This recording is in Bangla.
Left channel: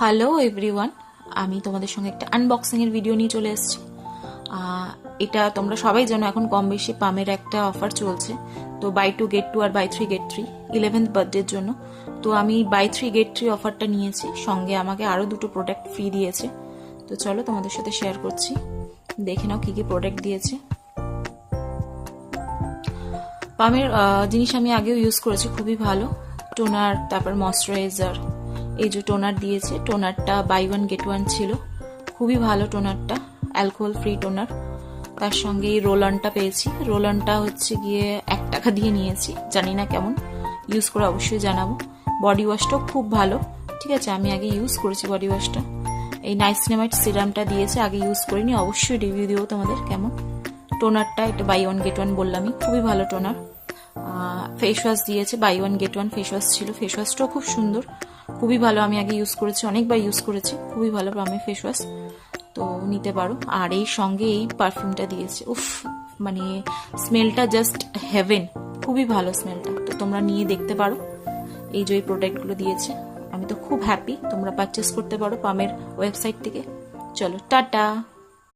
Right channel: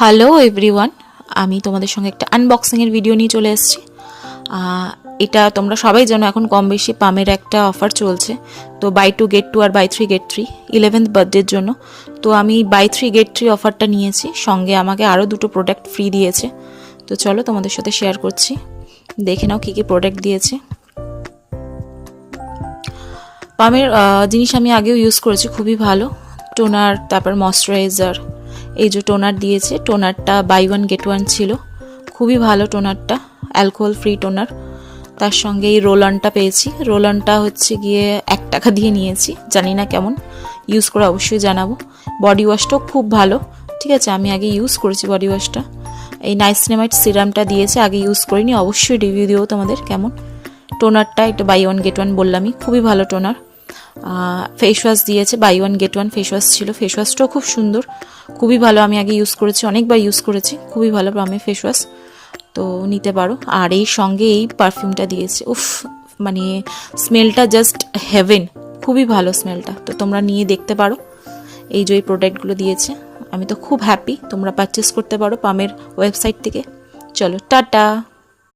হ্যালো এভরিওয়ান, আমি তোমাদের সঙ্গে একটা আনবক্সিংয়ের ভিডিও নিয়ে চলে এসেছি। এটা তোমরা সবাই জানো, এখন কম বেশি পামের একটা অফার চলছে। তো বাই 2 get 2 আর বাই 3 get 3 11th বার্থডের জন্য। তো আমি বাই 3 get 3 অফারটা নিয়েছি, সঙ্গে আমাকে আরও দুটো প্রোডাক্ট ফ্রি দিয়েছে। তো চলো তোমাদের সাথে শেয়ার করছি, দেখে নাও কী কী প্রোডাক্ট দিয়েছে। পামের জিনিস আমি আগেও ইউজ করেছি, খুবই ভালো। টোনার, তারপর ময়শ্চারাইজার, এই যে টোনার দিয়েছে, টোনারটা বাই 1 get 1 ছিল, খুবই ভালো টোনারটা, অ্যালকোহল ফ্রি টোনার। তার সঙ্গে এই রোল অনটা পেয়েছি, রোল অনটা হচ্ছে গিয়ে 1 টাকা দিয়ে নিয়েছি, জানি না কেমন, ইউজ করে অবশ্যই জানাবো। বডি ওয়াশটাও খুব ভালো, ঠিক আছে, আমি আগে ইউজ করেছি বডি ওয়াশটা। এই নাইসিনামাইড সিরামটা দিয়েছে, আগে ইউজ করিনি, অবশ্যই রিভিউ দিও তোমাদের কেমন। টোনারটা এটা বাই 1 get 1 বললামই, খুবই ভালো টোনার। ফেস ওয়াশ দিয়েছে, বাই 1 get 1 ফেস ওয়াশ ছিল, ফেস ওয়াশটাও খুব সুন্দর, খুবই ভালো, আমি আগে ইউজ করেছি, অনেকবার ইউজ করেছি, খুবই ভালো পামের ফেস ওয়াশ, তো নিতে পারো। আর এই সঙ্গে এই পারফিউমটা দিয়েছে, উফ, মানে স্মেলটা জাস্ট হেভেন, খুবই ভালো স্মেলটা, তো তোমরা নিয়ে দেখতে পারো। এই যে প্রোডাক্টগুলো দিয়েছে, আমি তো খুব হ্যাপি, তোমরা পারচেস করতে পারো পামের ওয়েবসাইট থেকে। চলো টাটা।